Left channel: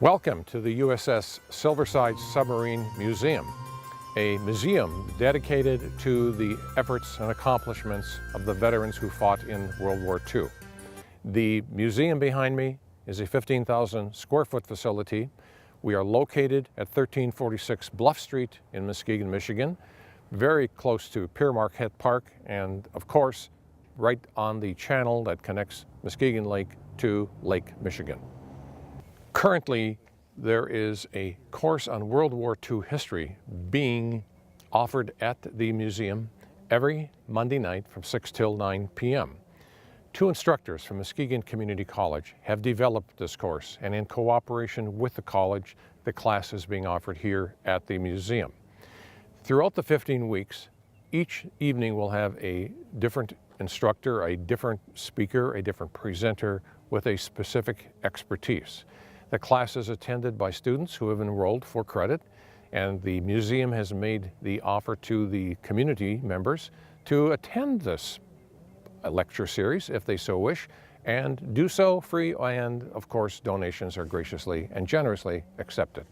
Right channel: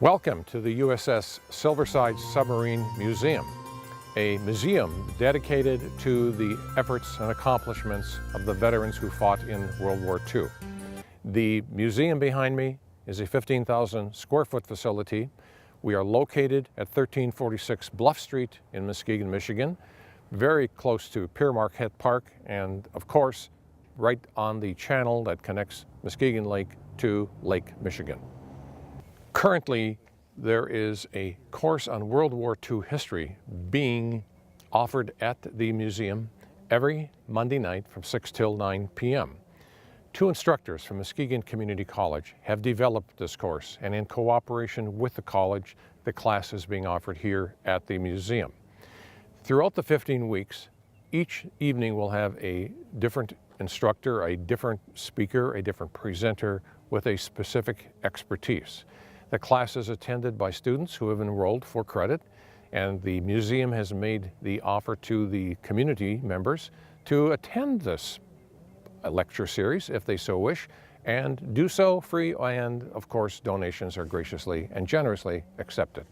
Welcome to the USS Silverside Submarine Museum, a museum dedicated to the efforts and accomplishments of the veterans who fought in World War II. The museum behind me is a 15,000 square foot facility. We are located at 1346 Bluff Street in Muskegon, Michigan, very close to Pere Marquette Park, and of course, right on the channel that connects Muskegon Lake to Lake Michigan. Currently, there is a course on World War II history being offered at the museum every Monday night from 6 till 9 p.m. Two instructors from Muskegon Community College have developed this course, and in cooperation with the college, the class is being offered here at the museum. Throughout the 15 weeks, each evening will have a different instructor, a different speaker, a different presenter with a specific expertise. The class is attended by students who have enrolled for credit, and the museum has made the offer to the community members to attend this lecture series if they so wish, and do so free, and of course donations are graciously and generously accepted.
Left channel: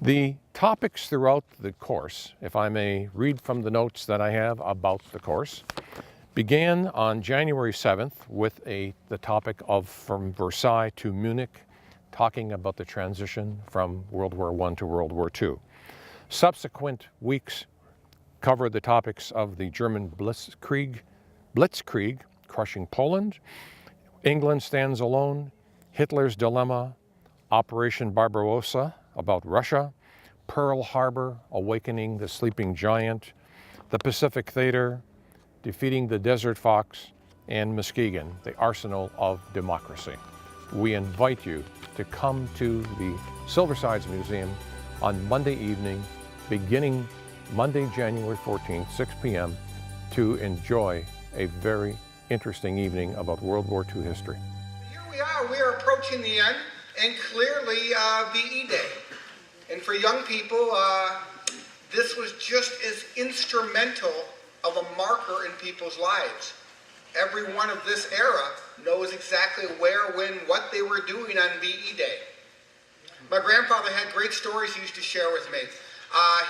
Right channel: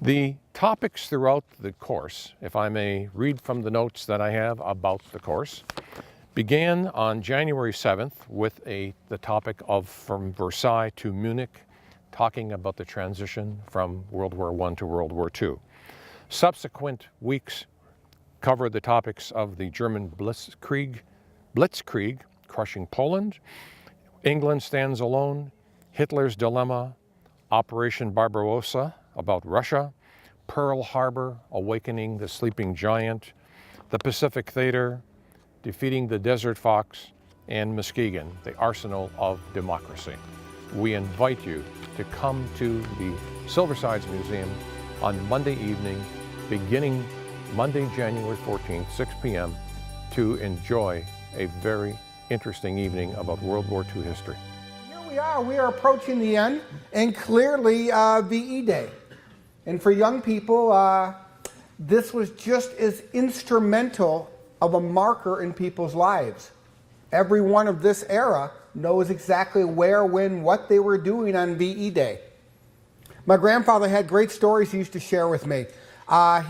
The topics throughout the course, if I may read from the notes that I have about the course, began on January 7th with the topic of From Versailles to Munich, talking about the transition from World War I to World War II. Subsequent weeks covered the topics of the German Blitzkrieg, crushing Poland, England Stands Alone, Hitler's Dilemma, Operation Barbarossa about Russia, Pearl Harbor, Awakening the Sleeping Giant, the Pacific Theater, Defeating the Desert Fox, and Muskegon, the Arsenal of Democracy. We invite you to come to the Silversides Museum on Monday evening, beginning Monday, January 14th, 6 p.m., to enjoy a very interesting evening about World War II history. Here we are approaching the end, and clearly VE Day. And for young people, this was just as instrumental of a marker in people's lives. Everyone of this era knows exactly where, when, what they were doing on VE Day. My grandfather had great stories he used to share with me.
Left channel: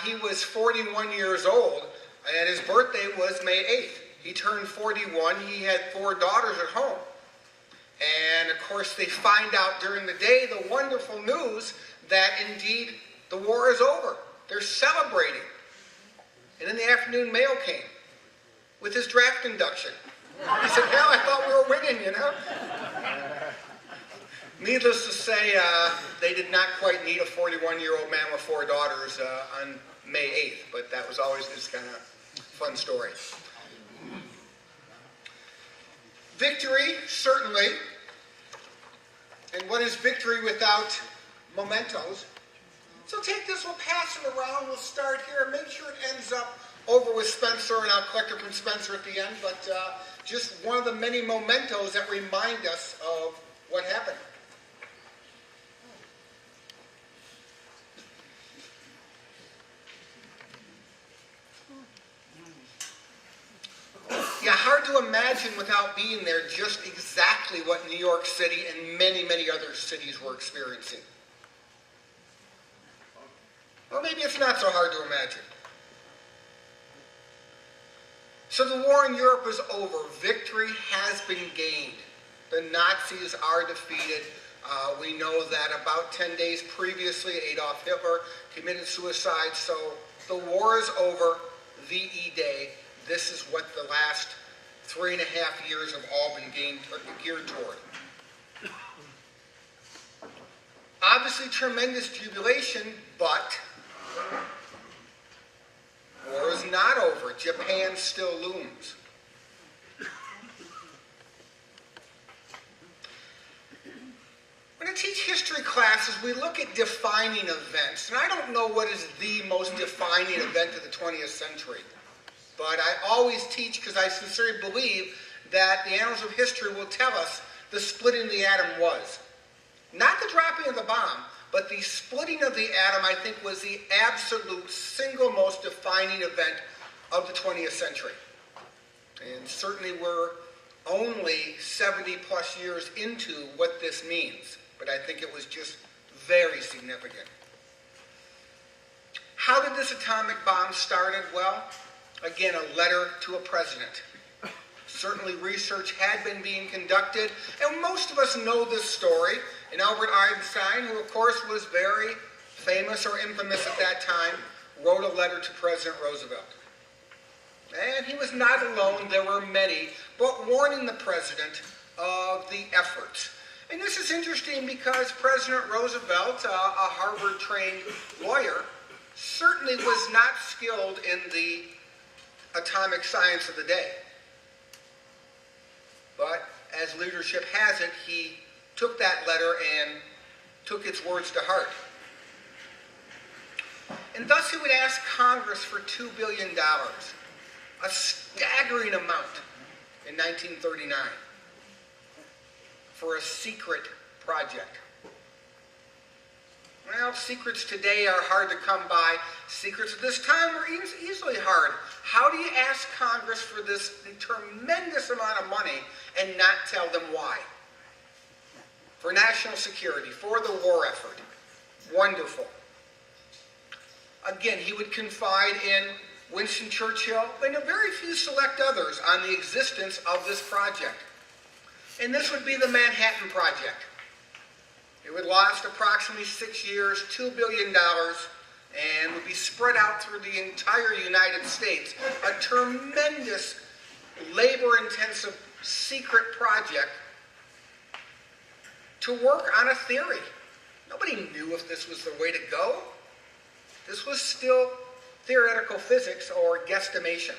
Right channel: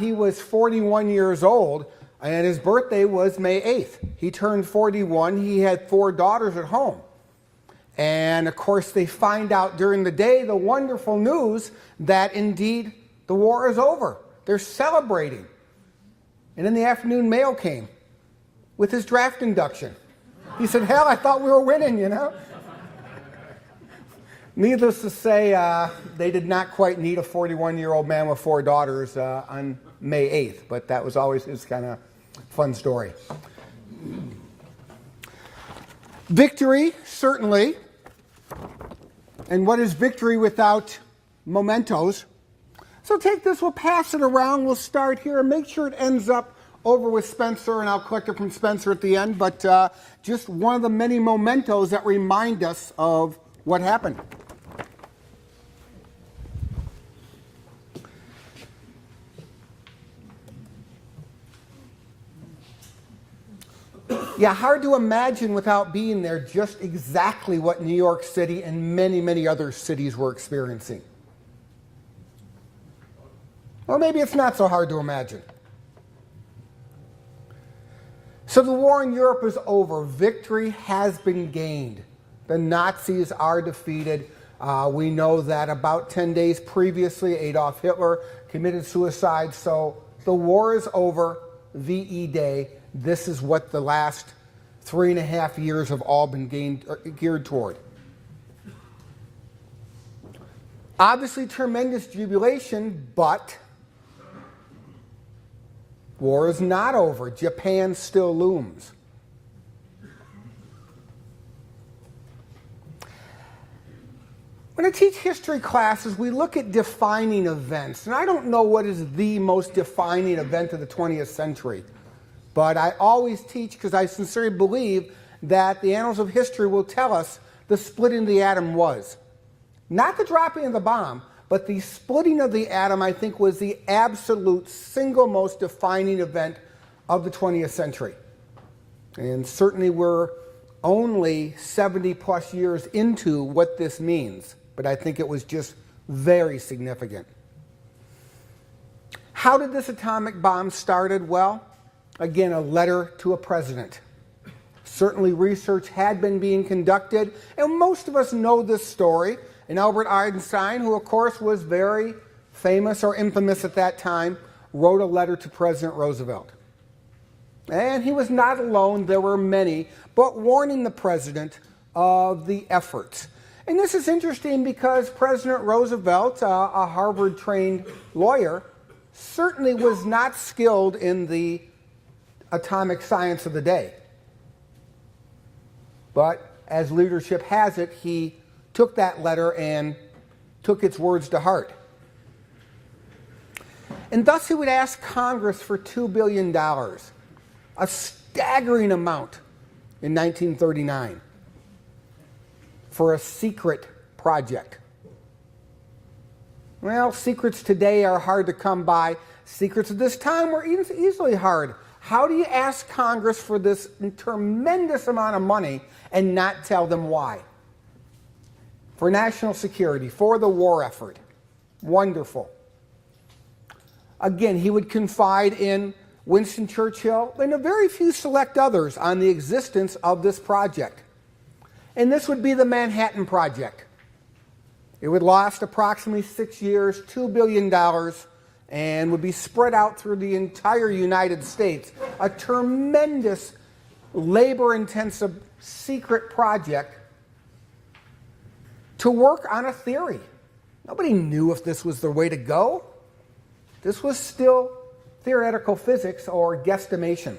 He was 41 years old, and his birthday was May 8th. He turned 41. He had 4 daughters at home. And of course, they find out during the day the wonderful news that indeed the war is over. They're celebrating. And in the afternoon, mail came with his draft induction. He said, hell, I thought we were winning, you know? Needless to say, they did not quite need a 41-year-old man with 4 daughters on May 8th, but that was always his kind of fun story. Victory, certainly. And what is victory without mementos? So take this, we'll pass it around, we'll start here, and make sure it ends up over with Spencer, and I'll collect it from Spencer at the end, but just one of the many mementos that remind us of what happened. Yeah, hard to imagine without being there just exactly what New York City and many, many other cities were experiencing. Or maybe it's not so hard to imagine. So the war in Europe is over. Victory has been gained. The Nazis are defeated. We know that about 10 days previously, Adolf Hitler committed suicide. So the war is over, VE Day. This is what the last 3.5 years have all been geared toward. Obviously, tremendous jubilation, but war is not over. Japan still looms. When I teach history classes, we look at defining events. And I don't know what is the most defining event of the 20th century. But I always teach because I sincerely believe that the annals of history will tell us the splitting of the atom was. Not the dropping of the bomb, but the splitting of the atom, I think, was the absolute single most defining event of the 20th century. And certainly we're only 70 plus years into what this means. But I think it was just very significant. How did this atomic bomb started? Well, again, a letter to a president. Certainly research had been being conducted, and most of us know this story. And Albert Einstein, who of course was very famous or infamous at that time, wrote a letter to President Roosevelt. And he was not alone, there were many, but warning the president of the efforts. And this is interesting because President Roosevelt, a Harvard-trained lawyer, certainly was not skilled in the atomic science of the day. But as leadership has it, he took that letter and took its words to heart. And thus he would ask Congress for $2 billion, a staggering amount in 1939. For a secret project. Well, secrets today are hard to come by. Secrets at this time were easily hard. How do you ask Congress for this tremendous amount of money and not tell them why? For national security, for the war effort. Wonderful. Again, he would confide in Winston Churchill and a very few select others on the existence of this project. And this would be the Manhattan Project. It would last approximately 6 years, $2 billion, and would be spread out through the entire United States. A tremendous, labor-intensive, secret project to work on a theory. Nobody knew if this was the way to go. This was still theoretical physics or guesstimation.